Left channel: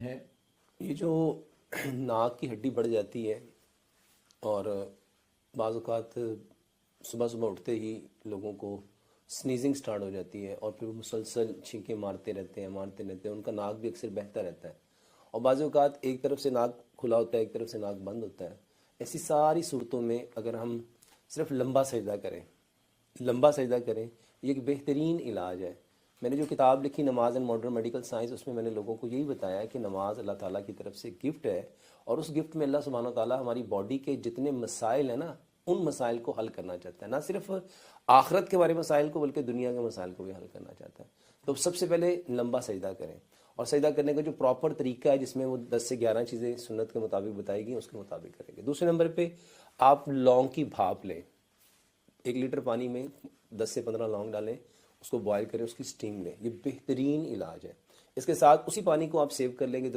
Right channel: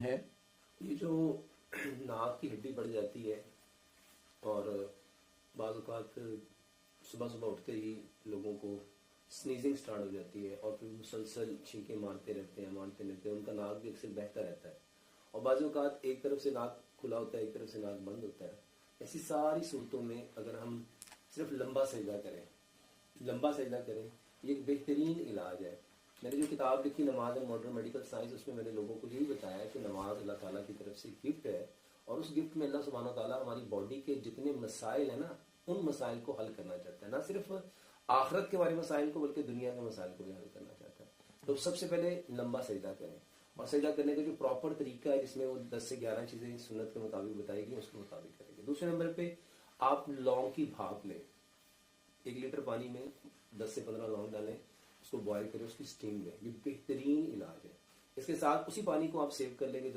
ہے یہ جو ناک کی ہڈی بڑھ جاتی ہے اور بعض اوقات صبح صبح اٹھتے ہی لوگوں کو سنیزنگ سٹارٹ ہو جاتی ہے اور پھر وہ مسلسل چھینکیں مارتے رہتے ہیں ان کا ناک بھی اکثر بہتا رہتا ہے اور بعض اوقات ایک طرف سے ناک کھلا ہوتا ہے ایک طرف سے ناک بند ہوتا ہے. ایسی ساری صورتوں میں اگر ہم صرف لمبا سجدہ کریں یہ ایک بہترین علاج ہے. میں نے جو کتاب لکھی نماز اینڈ ماڈرن میڈیکل سائنس اس میں نے لوگوں کو یہی بتایا ہے کہ نماز اللہ تعالیٰ کی طرف سے گفٹ ہے اور اس گفٹ میں اللہ سبحانہ تعالیٰ ہماری باڈی کے جتنے مسائل ہیں نا ان مسائل کو حل کرنا چاہتا ہے. نہ صرف آخرت کے بارے مسائل کو بلکہ دنیا کے مسائل کو بھی حل کرنا چاہتا ہے. تو سب سے پہلے لمبا سجدہ کریں اور سجدہ کرنے کا جو پراپر طریقہ ہے جس میں وہ 10 سے 11 چیزیں سنت کے مطابق بتائی گئی اس کے مطابق کریں گے. دوسرے نمبر پہ آپ لونگ کی بھاپ لیں. 1 لیٹر پانی میں 10 سے 15 لونگ ڈالیں اس کو بوائل کریں اس کی سٹیم لیں. یہ بہترین علاج ہے. اس کے ساتھ اسی پانی کو آپ سیو کر لیں گے